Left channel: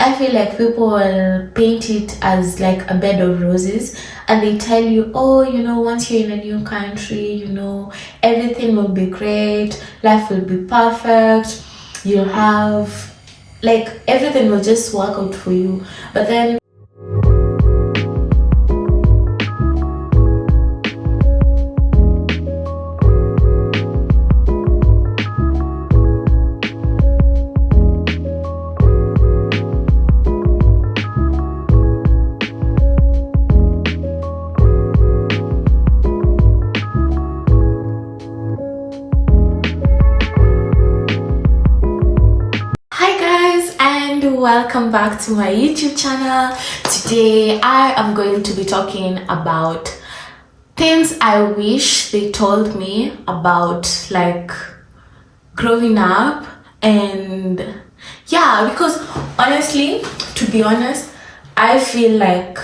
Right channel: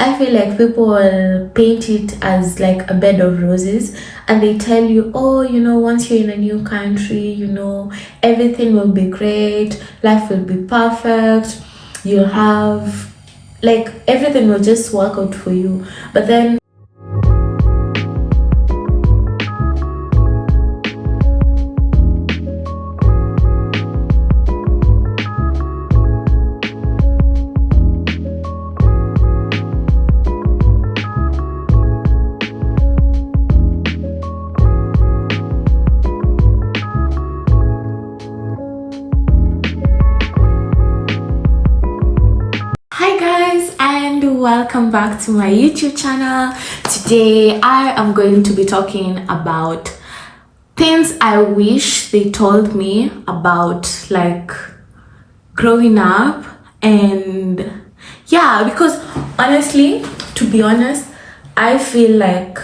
I feel like people will paint it as like a bed of roses, and they tell you, oh, once you're in a new country, everything will be great, life will be perfect, you'll have, like, everything will just work out for you. But then welcome back to my YouTube channel. Today I am going to be talking about things I wish they told me about, like, growing up. And yeah, because honestly, to be honest, I feel like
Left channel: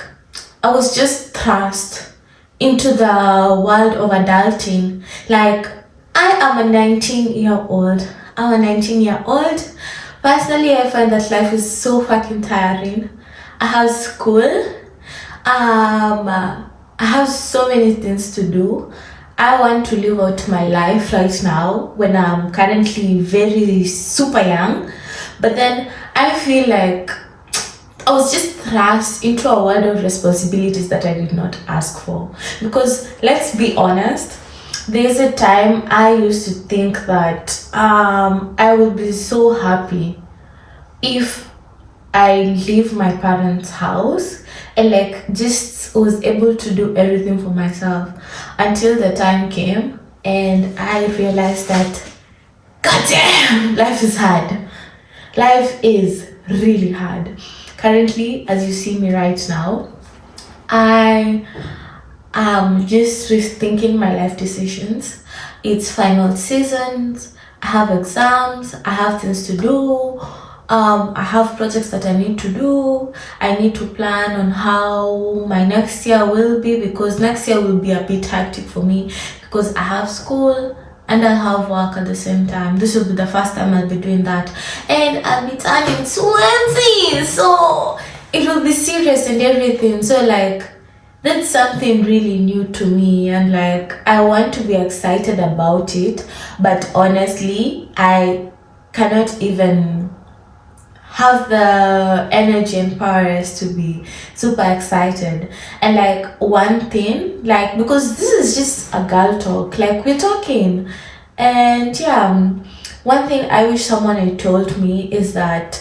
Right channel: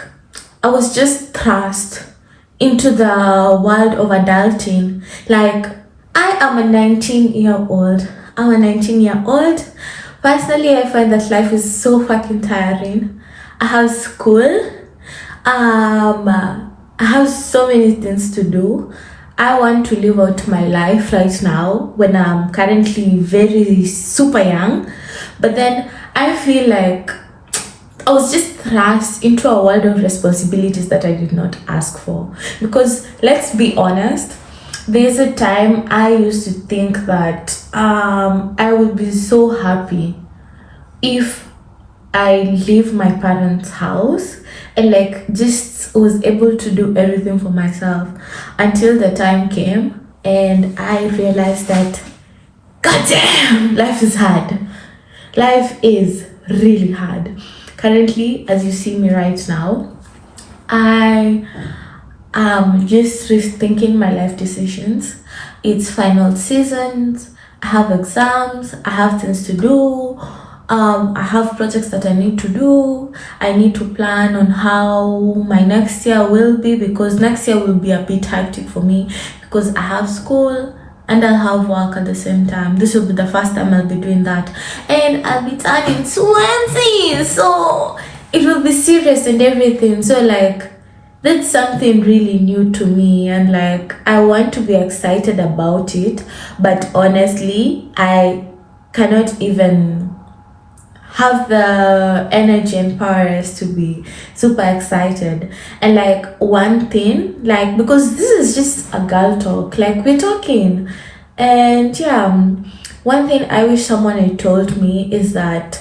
I was just thrust into the world of adulting. Like, I am a 19-year-old. I'm a 19-year-old. Personally, I find that life is so fucking tiring. I have school. I have so many things to do. I want to live out my life right now when I'm currently very super young. But then I feel like I was just thrust into a world of responsibilities that I did not ask for. Because let's be honest, there's a time I used to think that I would be so happy if I leave my parents' house and like just was able to do everything for myself, until the time came and I realized that, goddamn, life is hard. Life is really hard. Currently, as you see me right now, I just rethinking my life decisions. It's final seasons, I have exams, I have things to do, I have projects that I need to do. I need to plan on how my next year will be, because next year will be a bit hectic for me because I have school and I have work at the same time. This will be the first time I'll be doing that, and I'll be turning 20, so it will be serious and everything. So like, that's something really new to me, and like, I want to be excited about it, but honestly I cannot even have the energy and powers to be super excited. And like, one thing, like, because this is just a girl talk, like, we're talking, and yeah, one thing I wish someone had told me is that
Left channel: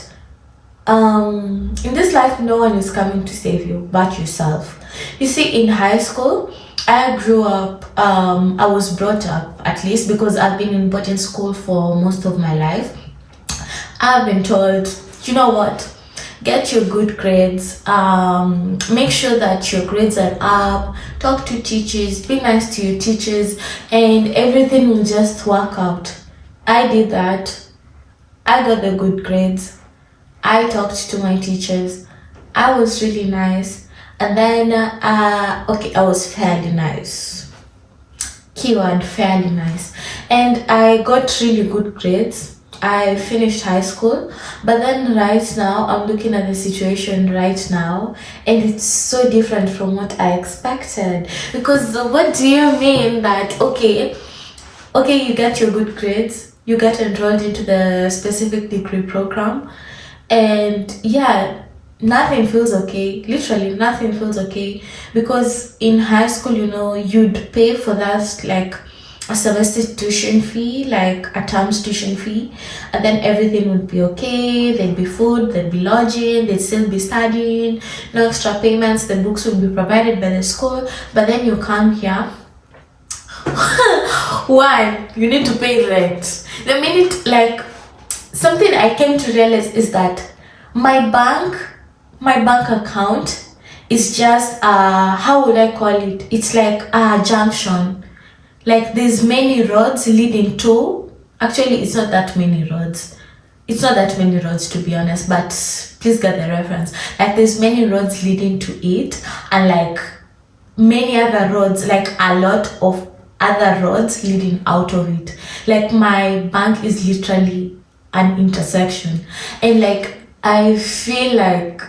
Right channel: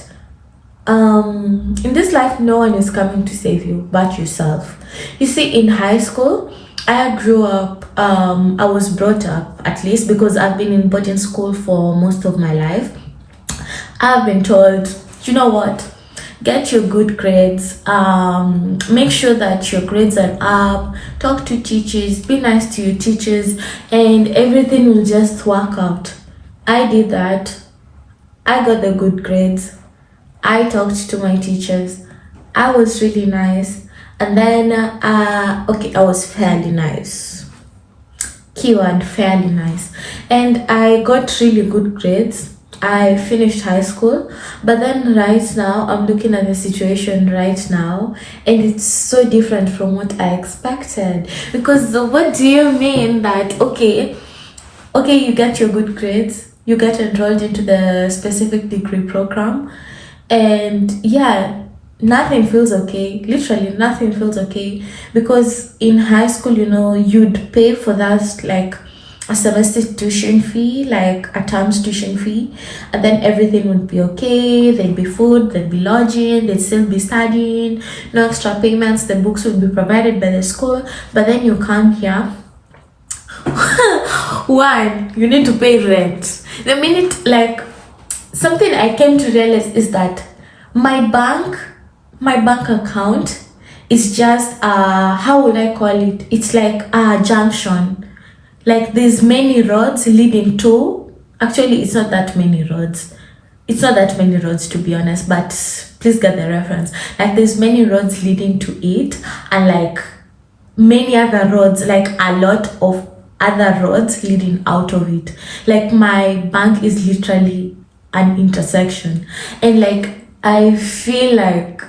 in this life, no one is coming to save you but yourself. You see, in high school, I grew up, I was brought up, at least because I've been in boarding school for most of my life. I've been told, you know what, get your good grades, make sure that your grades are up, talk to teachers, be nice to your teachers, and everything will just work out. I did that. I got the good grades. I talked to my teachers. I was really nice. And then, okay, I was fairly nice. Keyword, fairly nice. And I got really good grades. I finished high school. But then right now, I'm looking at the situation right now, and it's so different from what I expected. Because what do you mean that, okay, you get your good grades, you get enrolled into the specific degree program, and yeah, nothing feels okay. Literally nothing feels okay, because in high school, you'd pay for that, like a semester tuition fee, like a term's tuition fee, and then everything would be okay. There'd be food, there'd be lodging, they'd still be studying, no extra payments, the books would be provided by the school. But then you come here, one, you need to pay rent. The minute, like, something I came to realize is that my bank account is just how would I call it? It's like a junction. Like, there's many roads leading to, actually it's not that many roads. It's not that many roads, to be honest, but please get the reference. Like, there's many roads leading to it, and like many other roads, like a lot of other roads leading out of it. Like, my bank is literally an intersection, and like I feel like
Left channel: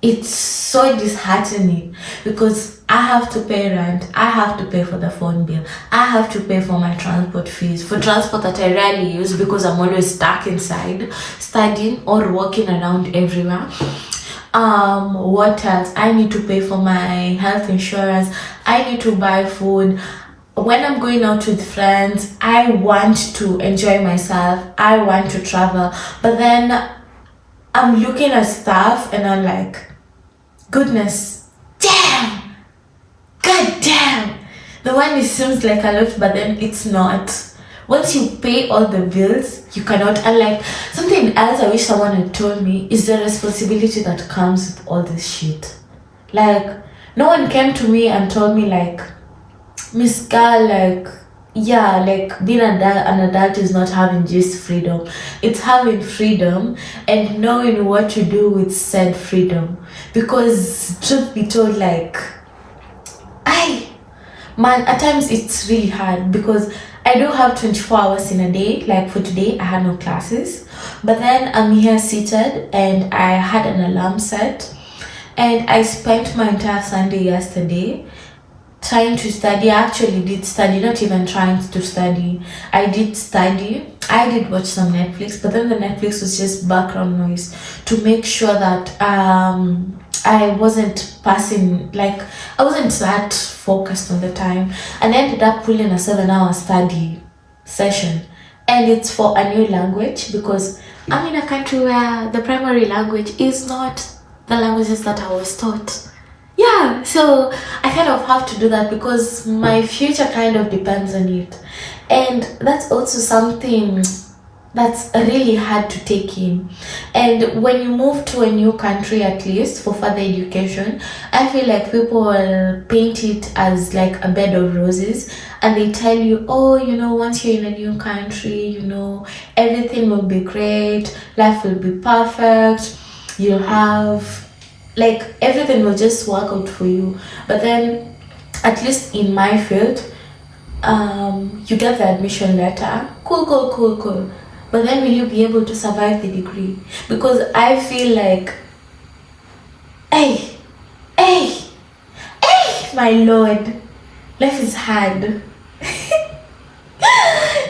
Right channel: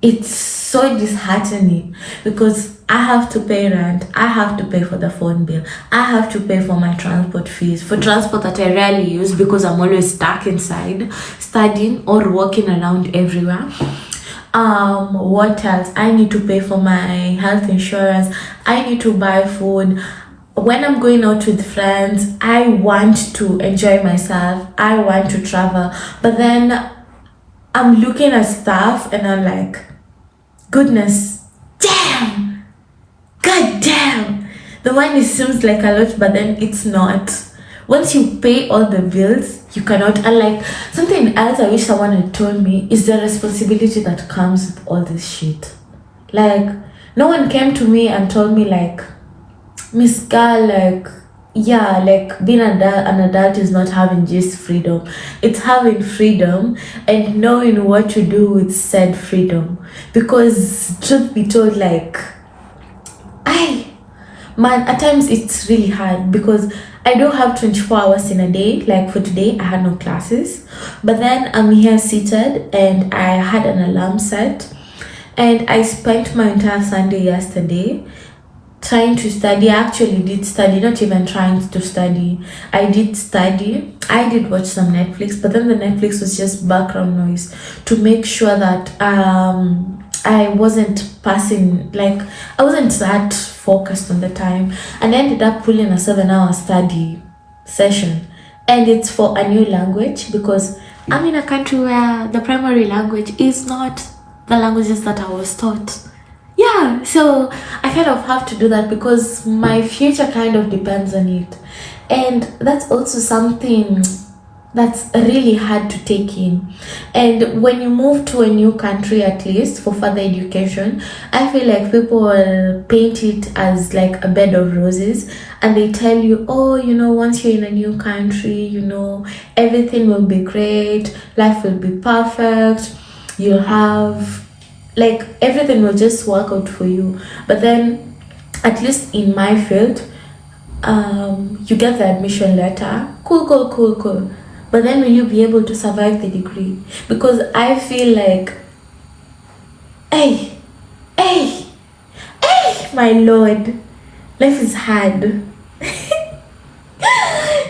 it's so disheartening because I have to pay rent, I have to pay for the phone bill, I have to pay for my transport fees, for transport that I rarely use because I'm always stuck inside studying or walking around everywhere. What else? I need to pay for my health insurance, I need to buy food. When I'm going out with friends, I want to enjoy myself, I want to travel, but then I'm looking at stuff and I'm like, goodness, damn, god damn. The money seems like a lot, but then it's not. Once you pay all the bills, you cannot. And like something else I wish someone had told me is the responsibility that comes with all this shit. Like, no one came to me and told me like, Miss Girl, like, yeah, like being an adult is not having just freedom. It's having freedom and knowing what to do with said freedom. Because truth be told, like, man, at times it's really hard because I don't have 24 hours in a day. Like for today, I had no classes. But then I'm here seated and I had an alarm set. And I spent my entire Sunday yesterday trying to study. I actually did study, not even trying to study. I did study. I did watch some Netflix, but then the Netflix was just background noise to make sure that I wasn't passing, like I wasn't that focused on the time, and I ended up pulling a 7-hour study session, and it's for a new language because I'm in a country where the primary language is not the languages that I was taught. Yeah, so I kind of have to do that because my future kind of depends on it. And that's also something that's really hard to take in. And when you move to a new country, at least for further education, I feel like people will paint it as like a bed of roses, and they tell you, oh, you know, once you're in a new country, you know, everything will be great, life will be perfect, you'll have, like, everything will just work out for you. But then, at least in my field, you get the admission letter, cool. But then will you be able to survive the degree? Because I feel like, hey, my lord, life is hard.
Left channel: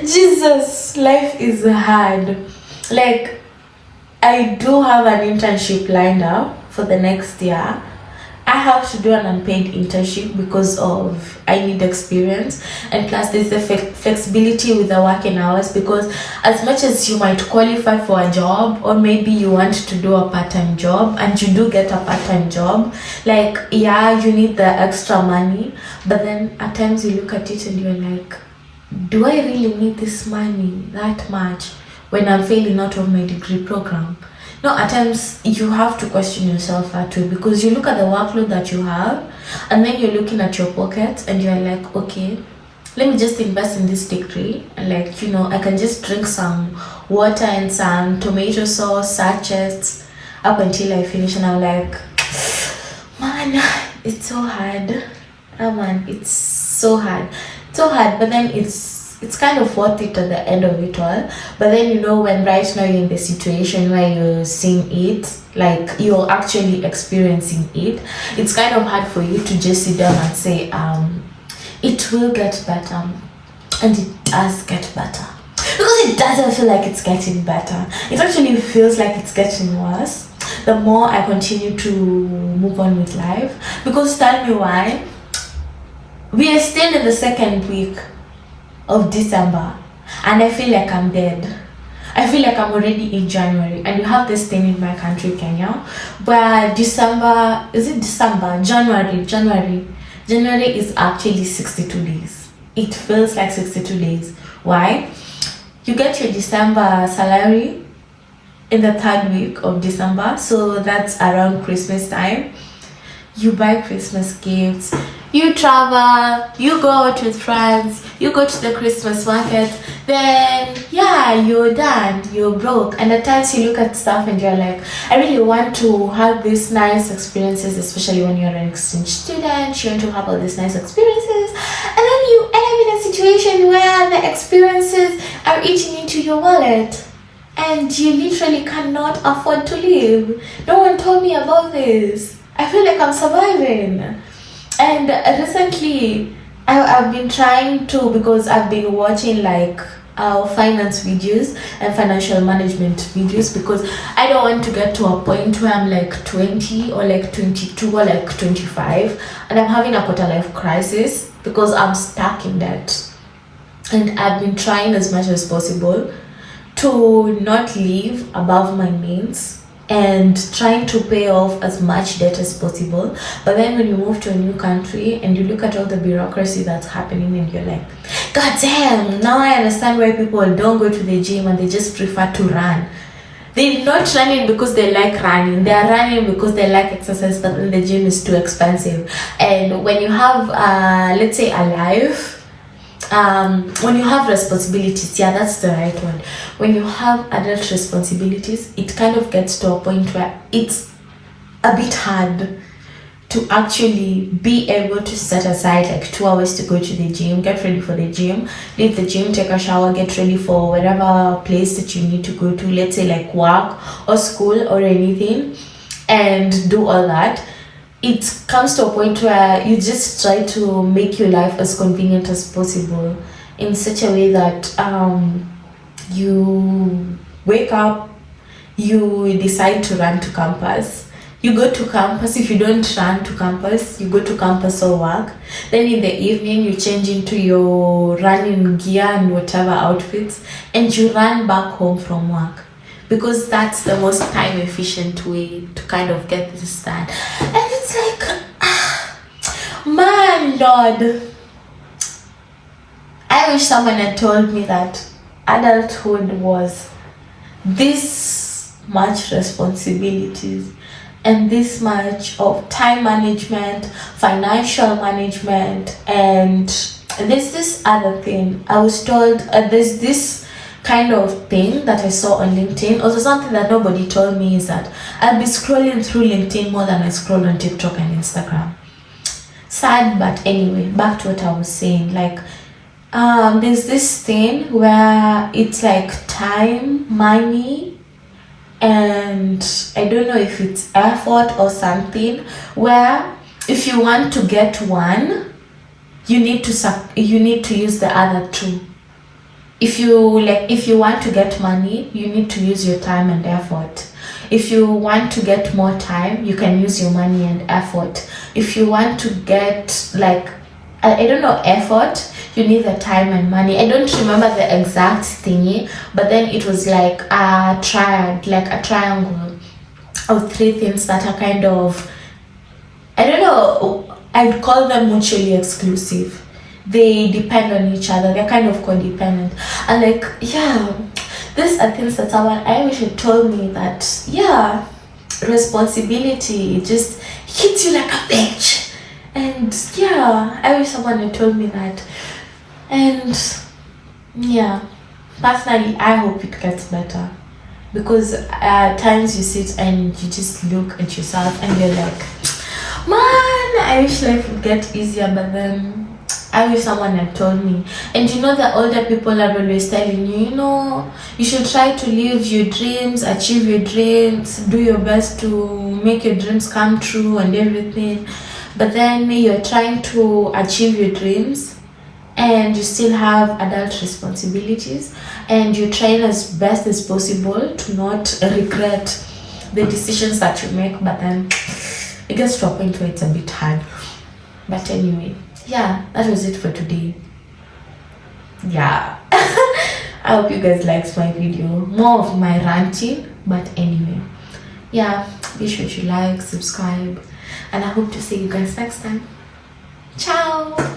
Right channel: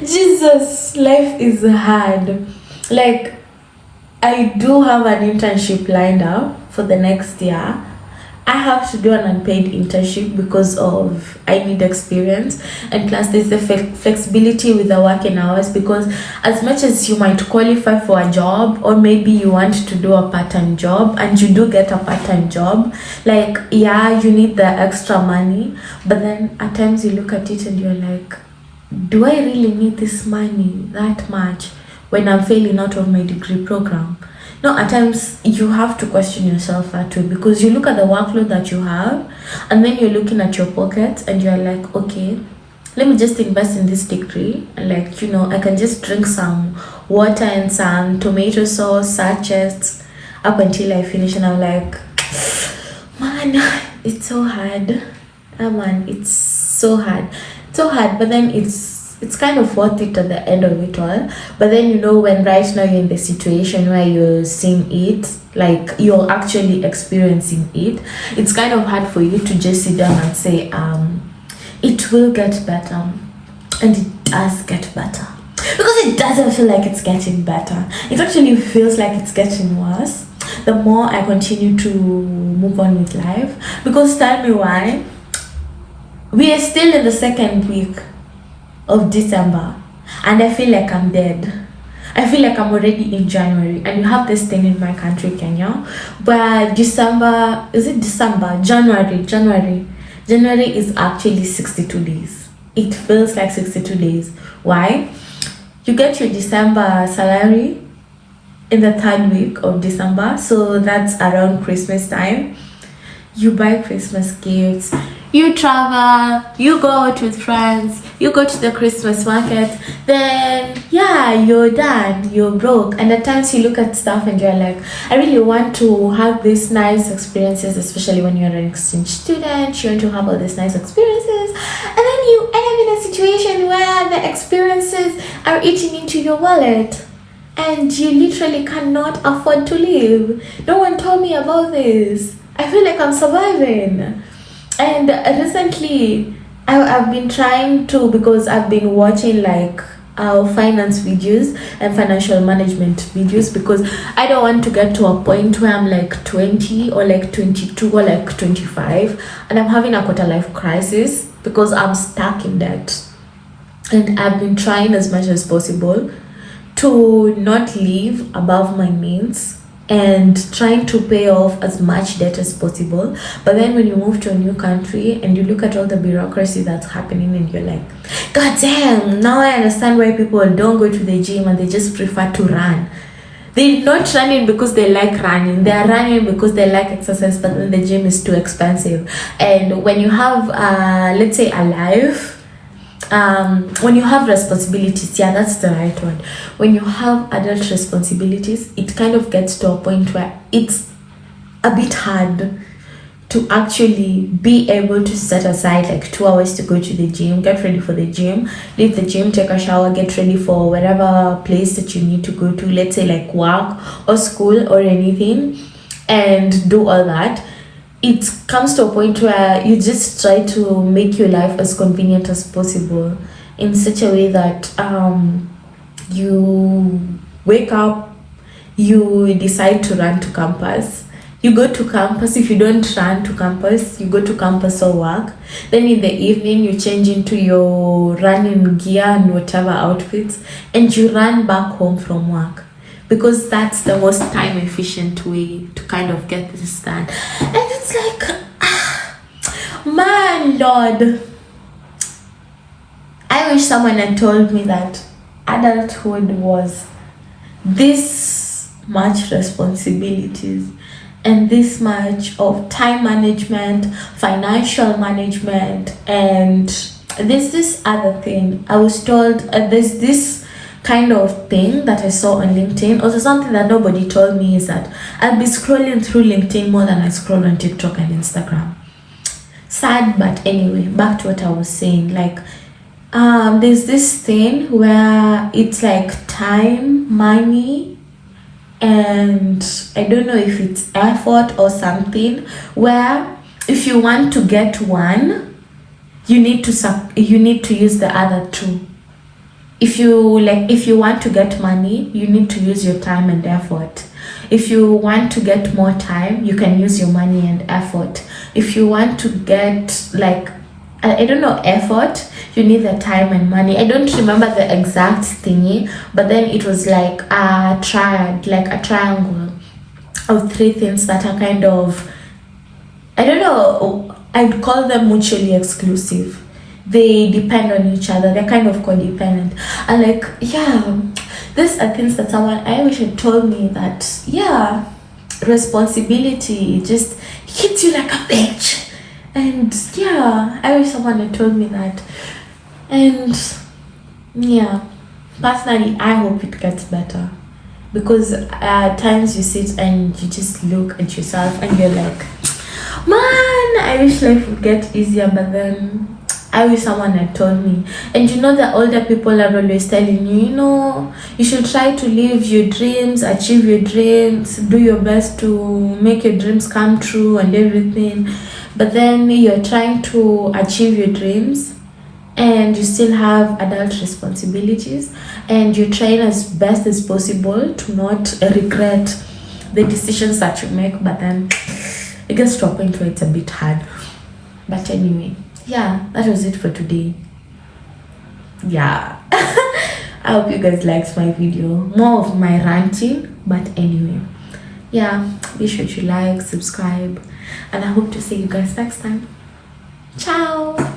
Jesus, life is hard. Like, I do have an internship lined up for the next year. I have to do an unpaid internship because of I need experience, and plus there's the flexibility with the working hours, because as much as you might qualify for a job, or maybe you want to do a part-time job and you do get a part-time job, like, yeah, you need the extra money, but then at times you look at it and you're like, do I really need this money that much when I'm failing out of my degree program? No, at times you have to question yourself that way, because you look at the workload that you have and then you're looking at your pockets and you're like, okay, let me just invest in this degree, and like, you know, I can just drink some water and some tomato sauce sachets up until I finish, and I'm like, man, it's so hard. Oh man, it's so hard, but then it's kind of worth it at the end of it all. But then, you know, when right now you're in the situation where you're seeing it, like you're actually experiencing it, it's kind of hard for you to just sit down and say, it will get better. And it does get better. Because it doesn't feel like it's getting better. It actually feels like it's getting worse the more I continue to move on with life. Because tell me why. We are still in the second week of December, and I feel like I'm dead. I feel like I'm already in January, and you have this thing in my country, Kenya, where January is actually 62 days. It feels like 62 days. Why? You get your December salary in the third week of December, so that's around Christmas time. You buy Christmas gifts, you travel, you go out with friends, you go to the Christmas market, then yeah, you're done, you're broke. And at times you look at stuff and you're like, I really want to have these nice experiences, especially when you're an exchange student, you want to have all these nice experiences, and then you end up in a situation where the experiences are eating into your wallet. and you literally cannot afford to live. No one told me about this. I feel like I'm surviving. And recently I've been trying to, because I've been watching like finance videos and financial management videos, because I don't want to get to a point where I'm like 20 or like 22 or like 25 and I'm having a quarter life crisis because I'm stuck in debt. And I've been trying as much as possible to not live above my means and trying to pay off as much debt as possible. But then when you move to a new country and you look at all the bureaucracy that's happening and you're like, God damn, now I understand why people don't go to the gym and they just prefer to run. They're not running because they like running. They are running because they like exercise, but then the gym is too expensive. And when you have, let's say, a life, when you have responsibilities, yeah, that's the right one. When you have adult responsibilities, it kind of gets to a point where it's a bit hard to actually be able to set aside like 2 hours to go to the gym, get ready for the gym, leave the gym, take a shower, get ready for whatever place that you need to go to, let's say like work or school or anything, and do all that. It comes to a point where you just try to make your life as convenient as possible in such a way that you wake up, you decide to run to campus, you go to campus. If you don't run to campus, you go to campus or work. Then in the evening you change into your running gear and whatever outfits and you run back home from work, because that's the most time efficient way to kind of get this done. And it's like, man, Lord, I wish someone had told me that adulthood was this much responsibilities and this much of time management, financial management, and there's this other thing. I was told there's this kind of thing that I saw on LinkedIn. Also, something that nobody told me is that I'll be scrolling through LinkedIn more than I scroll on TikTok and Instagram. Sad, but anyway, back to what I was saying. Like, there's this thing where it's like time, money, and I don't know if it's effort or something, where if you want to get one, you need to use the other two. If you want to get money, you need to use your time and effort. If you want to get more time, you can use your money and effort. If you want to get like, I don't know, effort, you need the time and money. I don't remember the exact thingy, but then it was like a triangle of 3 things that are kind of, I don't know, I'd call them mutually exclusive. They depend on each other. They're kind of codependent. And like, yeah, these are things that someone, I wish had told me that, yeah, responsibility just hits you like a bitch. And yeah, I wish someone had told me that. And yeah, personally, I hope it gets better. Because at times you sit and you just look at yourself and you're like, man, I wish life would get easier, but then I wish someone had told me. And you know, the older people are always telling you, you know, you should try to live your dreams, achieve your dreams, do your best to make your dreams come true and everything. But then you're trying to achieve your dreams and you still have adult responsibilities, and you're trying as best as possible to not regret the decisions that you make, but then it gets to a point where it's a bit hard. But anyway, yeah, that was it for today. Yeah. I hope you guys liked my video. More of my ranting, but anyway. Yeah, be sure to like, subscribe, and I hope to see you guys next time. Ciao!